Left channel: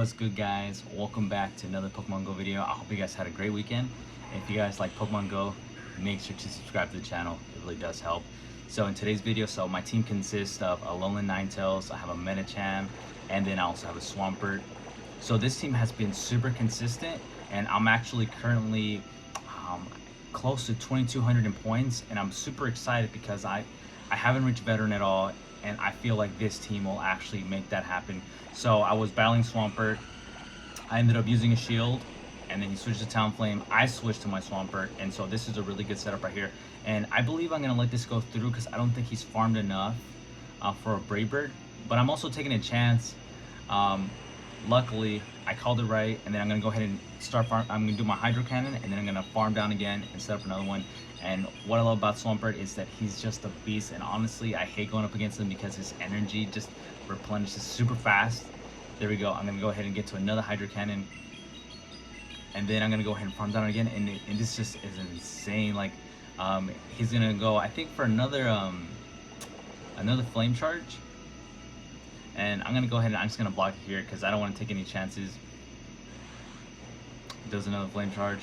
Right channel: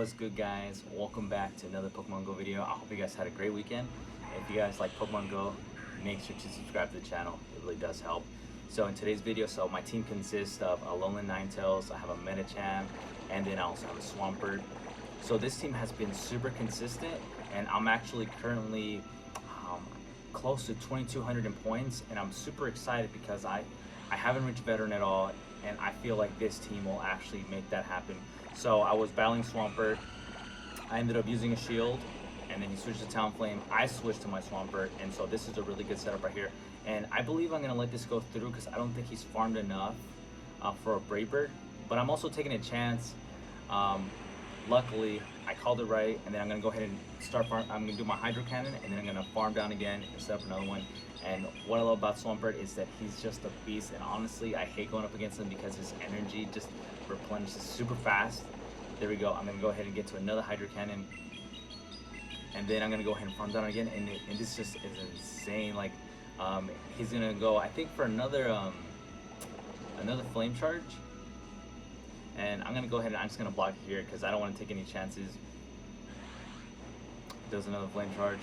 What's good, guys? Welcome back to another Pokemon Go video. I hope you guys had a great weekend. And if you guys like Pokemon Go, make sure to subscribe to the channel. It really does help. So in today's video, my team consists of a Alolan Ninetales, I have a Medicham, and then I also have a Swampert. So this team has been super consistent, and I'm actually currently close to 2,200 in points, and I'm super excited because I haven't reached veteran at all, and I feel like this team will actually make that happen. So I was battling Swampert, I ended up using a shield, and then he switched to Talonflame. I switched to my Swampert, and so this is a really good setup right here. And I believe I'm going to let this go through because I don't think he's farmed enough for a Brave Bird, but I'm also taking a chance. Luckily, I called it right, and then I'm going to go ahead and start farm. I'm going to do my Hydro Cannon, and then I'm going to farm down again and set up another one. And what I love about Swampert is that he's just a beast, and honestly, I hate going up against him because his energy just replenishes super fast. There we go. I'm going to go ahead and get to another Hydro Cannon, and then I'm going to go ahead and farm down again, and this just is insane. Like, he's going to go, I think, for another Flame Charge. And I'm going to go ahead and I'm just going to block it here because I don't want to take any chances. Does another Flame Charge.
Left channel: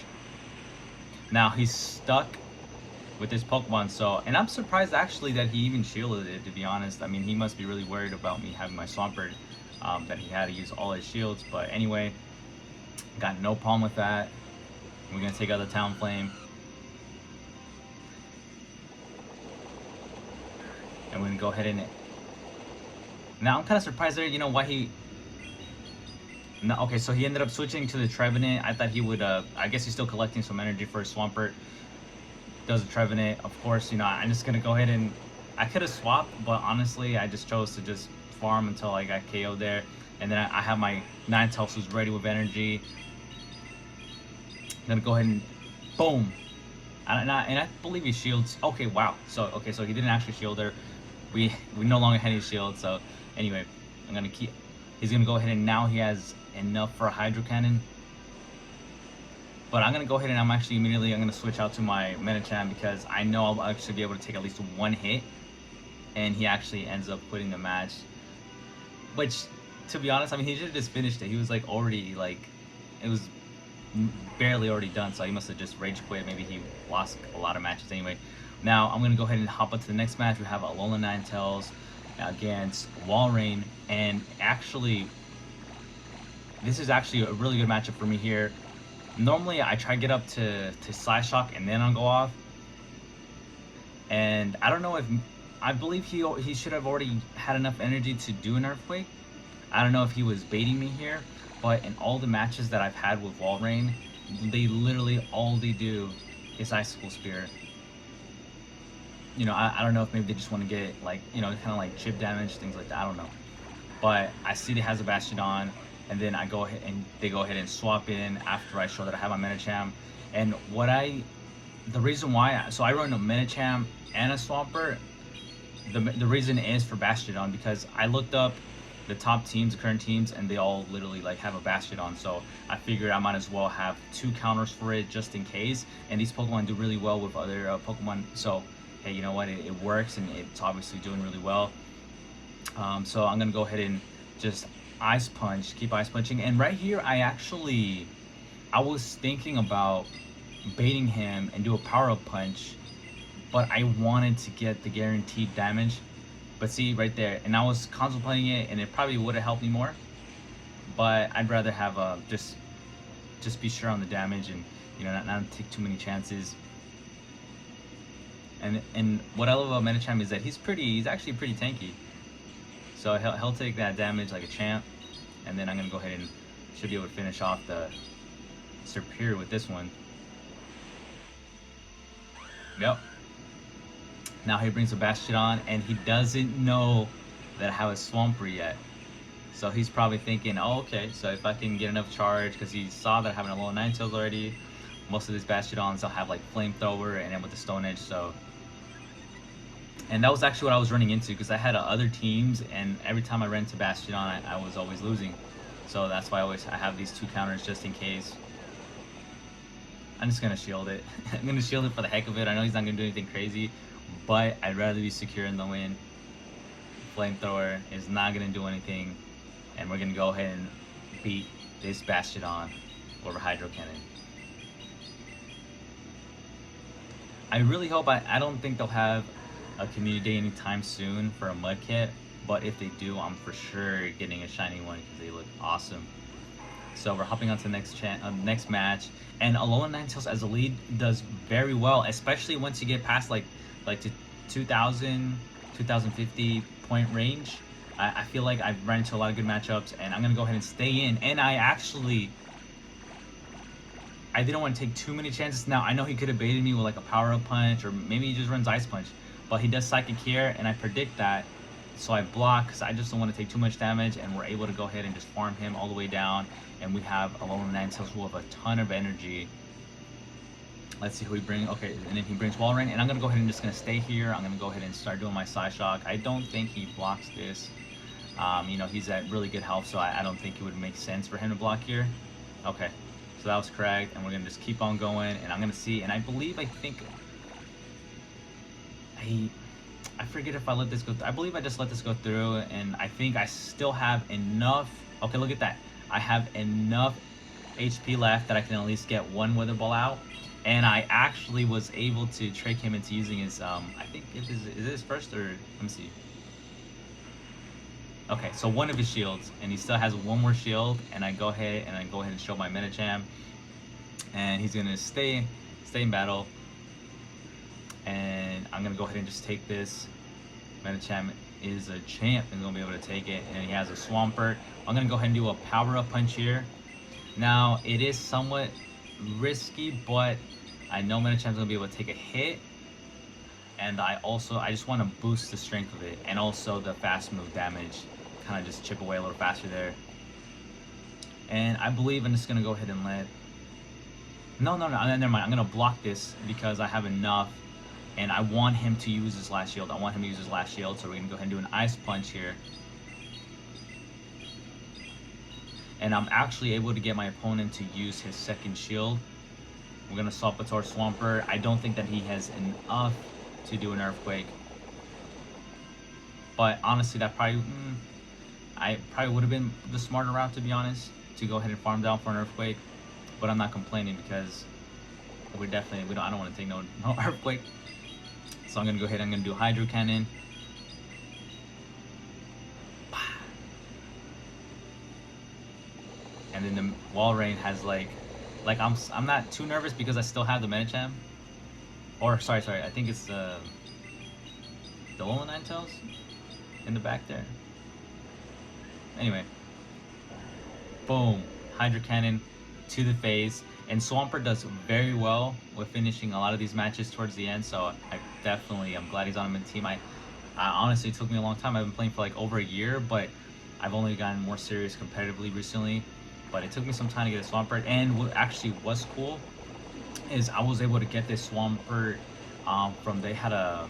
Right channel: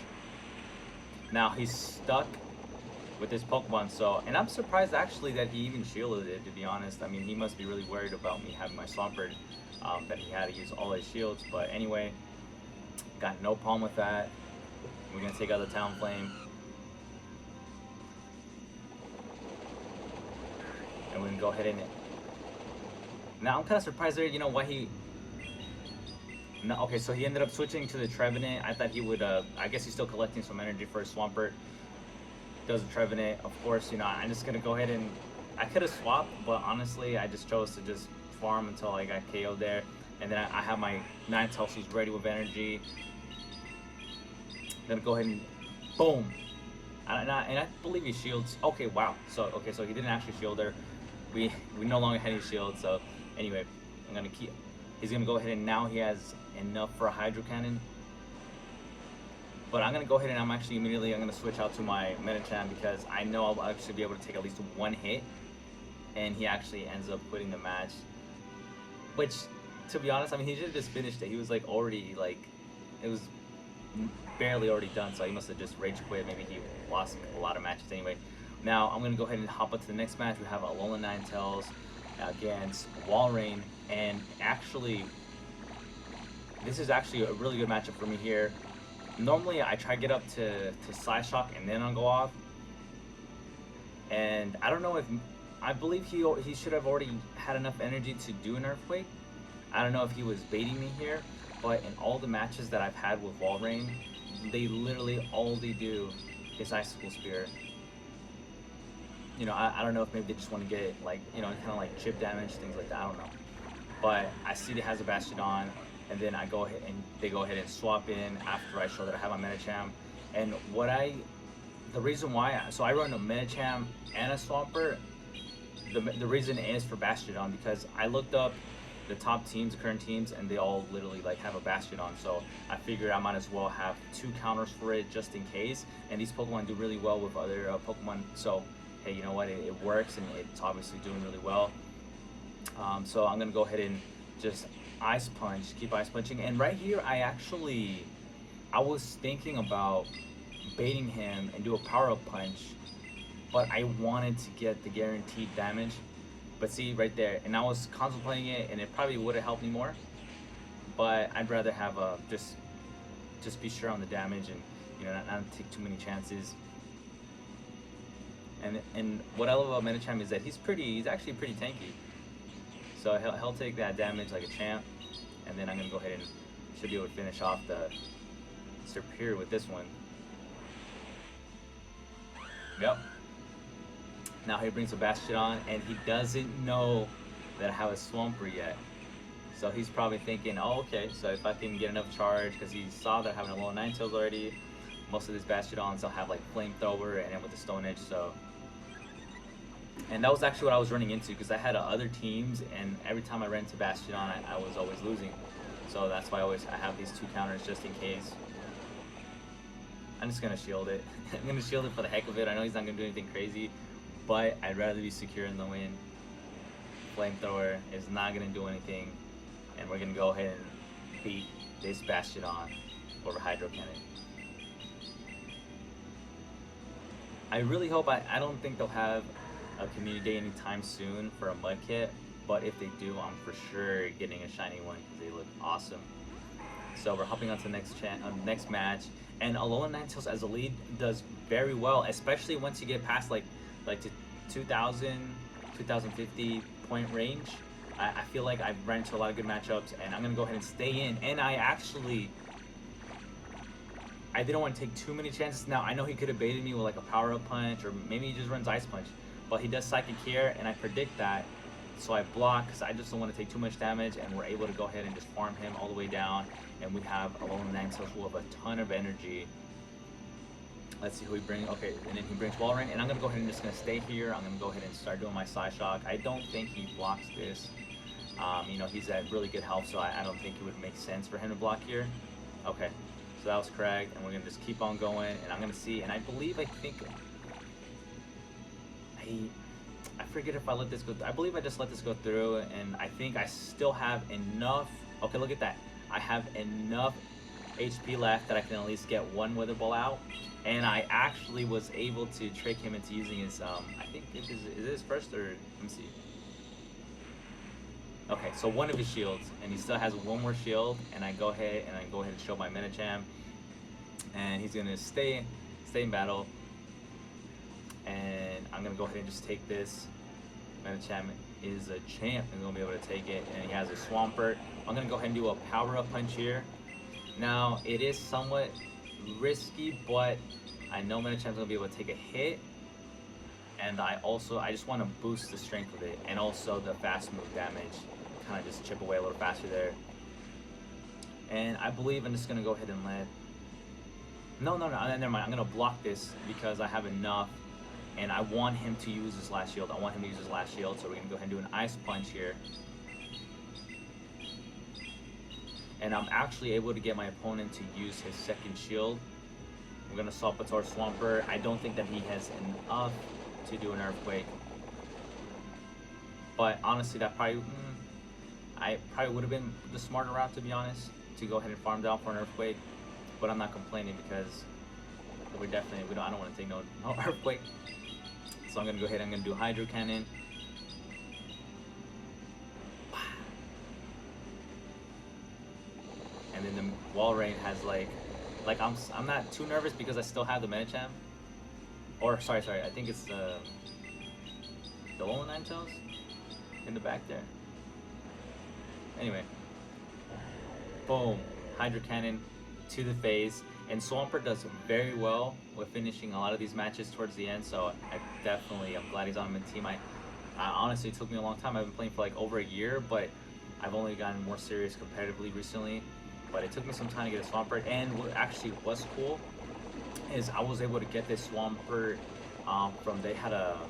Now he's stuck with this Pokemon, and I'm surprised actually that he even shielded it, to be honest. I mean, he must be really worried about me having my Swampert, that he had to use all his shields. But anyway, got no problem with that. We're going to take out the Talonflame. And we're going to go ahead and... Now I'm kind of surprised there, you know, why he... No, okay, so he ended up switching to the Trevenant. I thought he would, I guess he's still collecting some energy for his Swampert. Does a Trevenant. Of course, you know, I'm just going to go ahead and... I could have swapped, but honestly, I just chose to just farm until I got KO'd there. And then I have my Ninetales who's ready with energy. I'm going to go ahead and... Boom! And I believe he shields... Okay, wow. So he didn't actually shield her. We no longer had any shield, so... Anyway, I'm going to keep... He's going to go ahead and now he has enough for a Hydro Cannon. But I'm going to go ahead and I'm going to switch out to my Medicham because I know I'll actually be able to take at least one hit. And he actually ends up quitting the match. Which, to be honest, I mean, he should have just finished it. He was like already, like, it was barely already done. So he must have just rage quit. Maybe he lost a lot of matches anyway. Now, I'm going to go ahead and hop up to the next match. We have Alolan Ninetales against Walrein, and actually this is actually a really good matchup for me here. Normally I try to get up to Side Shock and then I'll go off, and I don't know if I believe he should have already had enough energy to do an Earthquake. I don't know if he was baiting me here, but in all the matches that I've had with Walrein, they literally all they do is Icicle Spear. You know, I don't know if maybe they just want to get, like, you know, kind of like chip damage, things like that, I don't know. But I see that has a Bastiodon, and then I go ahead and they go ahead and swap in after I show that I have my Medicham. And the reason why, so I run a Medicham and a Swampert. The reason is for Bastiodon, because I looked up the top teams, the current teams, and they all literally like have a Bastiodon. So I figured I might as well have two counters for it just in case. And these Pokemon do really well with other Pokemon, so hey, you know what, it works, and it's obviously doing really well. So I'm gonna go ahead and just Ice Punch, keep Ice Punching. And right here, I was thinking about baiting him and do a Power-Up Punch, but I wanted to get the guaranteed damage. But see, right there, and I was contemplating it, and it probably would have helped me more, but I'd rather have just be sure on the damage, and you know, not take too many chances. And what I love about Medicham is that he's actually pretty tanky. So he'll take that damage like a champ, and then I'm gonna go ahead and should be able to finish off the Serperior with this one. Yep. Now he brings a Bastiodon, and he doesn't know that I have a Swampert yet. So he's probably thinking, oh, okay, so if I can get enough charge, because he saw that I have an Alolan Ninetales already. Most of these Bastiodons, they'll have like Flamethrower and then with the Stone Edge, so... And that was actually what I was running into, because I had other teams, and every time I ran into Bastiodon, I was always losing. So that's why I have these two counters just in case. I'm just going to shield it. I'm going to shield it for the heck of it. I know he's not going to do anything crazy, but I'd rather be secure in the win. Flamethrower is not going to do anything, and we're going to go ahead and beat this Bastion over Hydro Cannon. I really hope, I don't think they'll have a community day anytime soon for a mud kit, but if they do, I'm for sure getting a shiny one because they look awesome. So we're hopping on to the next match, and Alolan Ninetales as a lead does very well, especially once you get past like to 2000, 2050 point range. I feel like I've run into a lot of good matchups, and I'm gonna go ahead and stay in. And I didn't want to take too many chances. Now I know he could have baited me with like a power up punch, or maybe he just runs ice punch, but he does psychic here, and I predict that. So I block because I just don't want to take too much damage, and we're able to go ahead and just farm him all the way down. And we have Alolan Ninetales who have a ton of energy. Let's see who he brings. Okay, and then he brings Walrein, and I'm gonna go ahead and just gonna stay here. I'm gonna go ahead and start doing my Psyshock. I don't think he blocks this. You know, he's at really good health, so I don't think it would make sense for him to block here. Okay, so that was correct, and we're gonna just keep on going, and I'm gonna see, and I think I forget if I let this go through. I believe I just let this go through, and I think I still have enough. Okay, look at that. I have enough HP left that I can at least get one Wither Ball out, and I actually was able to trick him into using his, I think, is it his first, or, let me see. Okay, so one of his shields, and he still has one more shield, and I go ahead and show my Medicham, and he's gonna stay in battle, and I'm gonna go ahead and just take this. Medicham is a champ and gonna be able to take it, and he has a Swampert. I'm gonna go ahead and do a power up punch here. Now it is somewhat risky, but I know Medicham's gonna be able to take a hit, and I just want to boost the strength of it, and also the fast move damage, kind of just chip away a little faster there. And I believe I'm just gonna go ahead and no, never mind. I'm gonna block this because I have enough, and I want him to use his last shield. So we're gonna go ahead and do an ice punch here. And I'm actually able to get my opponent to use his second shield. We're gonna swap it to our Swampert. I don't think that he has enough to do an Earthquake, but honestly, that probably would have been the smarter route, to be honest, to go ahead and farm down for an Earthquake. But I'm not complaining because I don't want to take no Earthquake. So I'm gonna go ahead. I'm gonna do Hydro Cannon. And then the Walrein has like I'm not too nervous because I still have the Medicham. Or sorry, I think it's the Alolan Ninetales in the back there. Anyway, boom, Hydro Cannon to the face, and Swampert does very well with finishing a lot of these matches towards the end. So I'm glad he's on my team. I honestly, it took me a long time. I've been playing for like over a year, but I've only gotten more serious competitively recently. But it took me some time to get a Swampert, and what actually was cool is I was able to get this Swampert they had a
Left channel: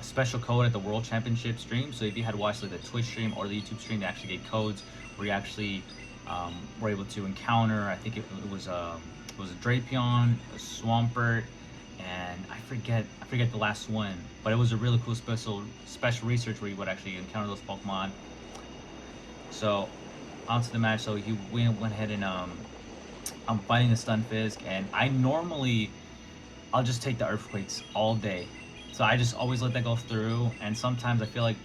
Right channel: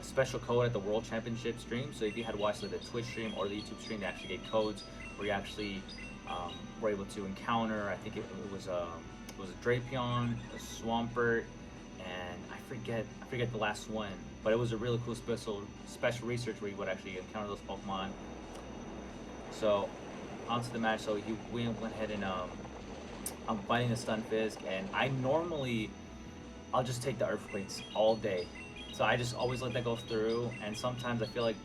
special code at the World Championship stream. So if you had watched like the Twitch stream or the YouTube stream, they actually gave codes where you actually were able to encounter, I think it was a Drapion, a Swampert, and I forget the last one, but it was a really cool special research where you would actually encounter those Pokemon. So onto the match. So he went ahead and I'm fighting the Stunfisk, and I'll just take the Earthquakes all day. So I just always let that go through, and sometimes I feel like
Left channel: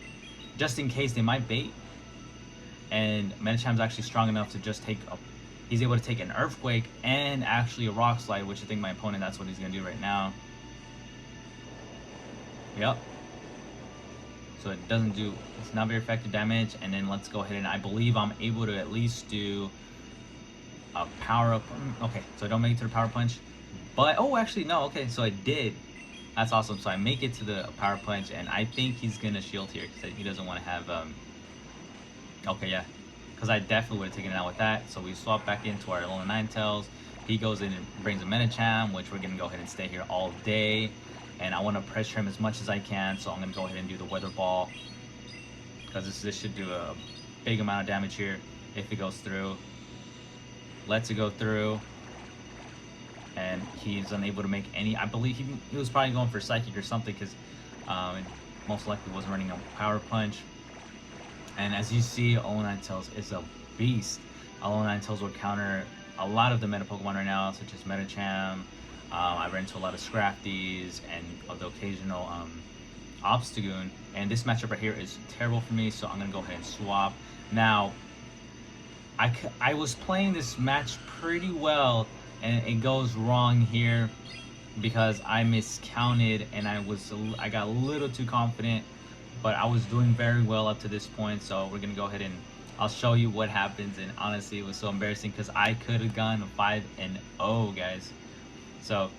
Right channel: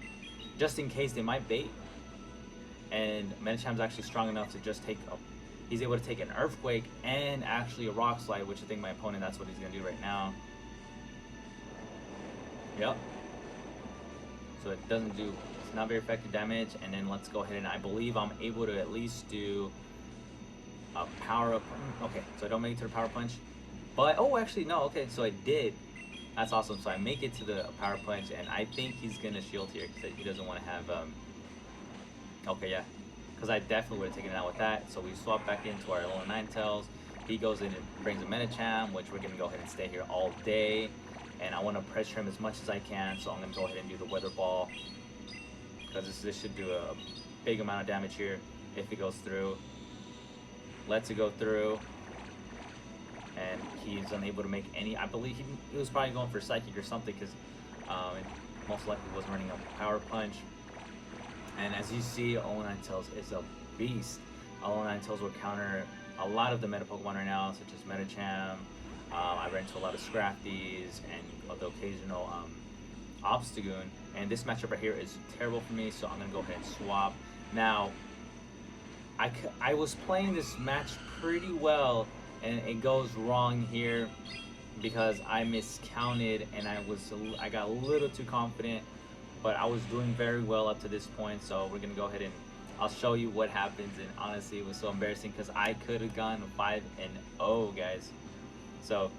just in case they might bait, and Medicham's actually strong enough to just he's able to take an Earthquake and actually a Rock Slide, which I think my opponent, that's what he's gonna do right now. Yep. So it's not very effective damage, and then let's go ahead, and I believe I'm able to at least do a power up. Okay, so I don't make it to the power punch, but actually no, okay, so I did. That's awesome. So I make it to the power punch, and I think he's gonna shield here because he doesn't want to have okay, yeah, because I definitely would have taken it out with that. So we swap back into our Alolan Ninetales. He goes in and brings a Medicham, which we're gonna go ahead and stay here all day, and I want to pressure him as much as I can. So I'm gonna go ahead and do the Weather Ball, because this should do a big amount of damage here if it goes through. Lets it go through, and he's unable to make any. I believe he was probably going for Psychic or something, because it most likely wasn't running a Power Punch. And as you see, Alolan Ninetales is a beast. Alolan Ninetales will counter a lot of the meta Pokemon right now, such as Medicham. I ran into a lot of Scrafties and the occasional Obstagoon. And this matchup right here is terrible for me, so I'm going to go ahead and swap. Now, I was playing this match pretty well, and it goes wrong here because I miscounted and I got a little too confident, but I was doing very well up to this point. So we're gonna go ahead and I'll show you what happens. And honestly, it was so embarrassing because I could have gone 5-0, guys. So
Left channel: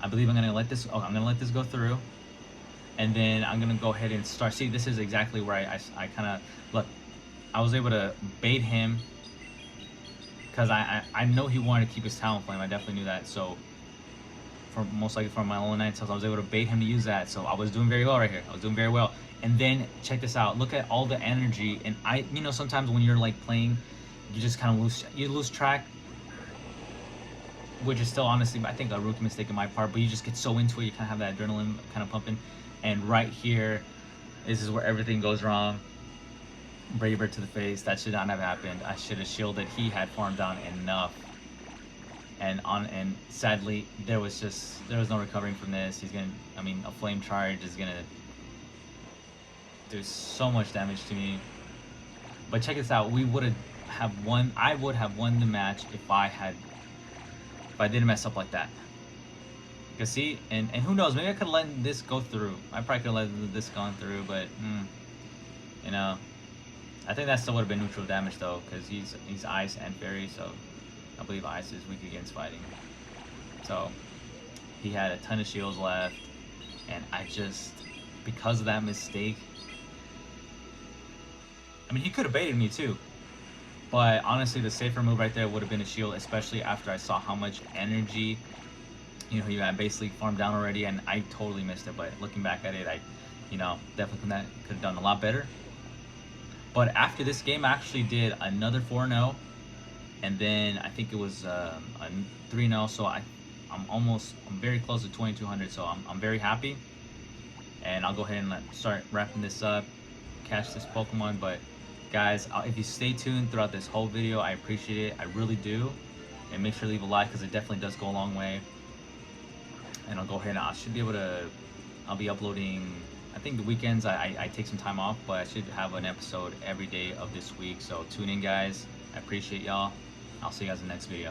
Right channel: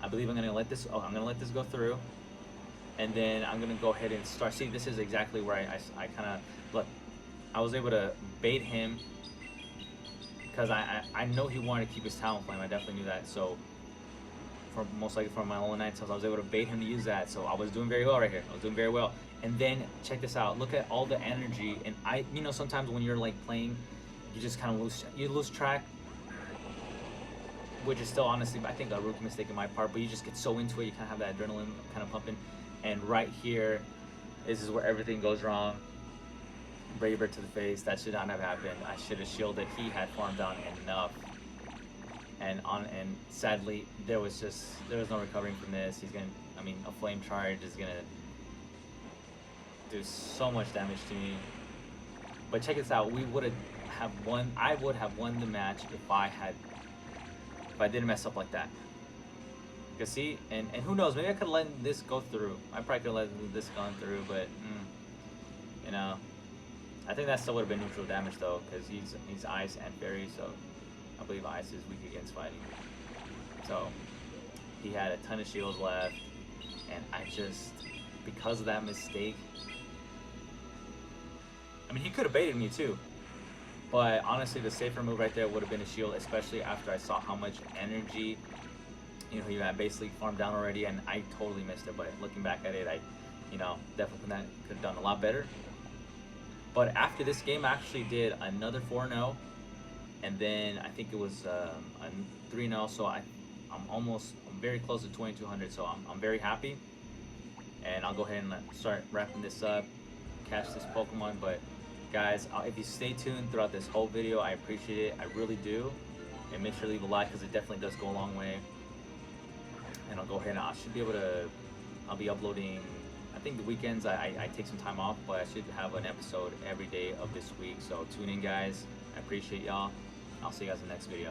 I believe I'm gonna let this. Oh, I'm gonna let this go through, and then I'm gonna go ahead and start. See, this is exactly where I kind of look. I was able to bait him because I know he wanted to keep his Talonflame. I definitely knew that. So most likely from my own Ninetales, I was able to bait him to use that. So I was doing very well right here. I was doing very well. And then check this out. Look at all the energy. And you know, sometimes when you're like playing, you just kind of lose track, which is still honestly, I think, a rookie mistake on my part. But you just get so into it, you kind of have that adrenaline kind of pumping. And right here, this is where everything goes wrong. Braver to the face. That should not have happened. I should have shielded. He had farmed down enough. And sadly, there was no recovering from this. He's gonna, I mean, a flame charge is gonna do so much damage to me. But check this out. I would have won the match if I didn't mess up like that. You see, and who knows? Maybe I could let this go through. I probably could let this go through, but you know. I think that still would have been neutral damage though, because he's ice and fairy, so I believe ice is weak against fighting. So he had a ton of shields left, and I just, because of that mistake, I mean, he could have baited me too, but honestly the safer move right there would have been a shield, especially after I saw how much energy, you know, he had basically farmed down already, and I totally missed it. But looking back at it, I, you know, definitely could have done a lot better. But after this game, I actually did another 4-0, and then I think it was a 3-0. So I'm very close to 2200. So I'm very happy, and I'll go ahead and start wrapping this up, catch this Pokemon. But guys, if you stay tuned throughout this whole video, I appreciate it. I really do, and make sure to leave a like because it definitely does go a long way. And I'll go ahead and I'll be uploading. I think the weekends I take some time off, but I should have an episode every day of this week. So tune in, guys. I appreciate y'all. I'll see you guys in the next video.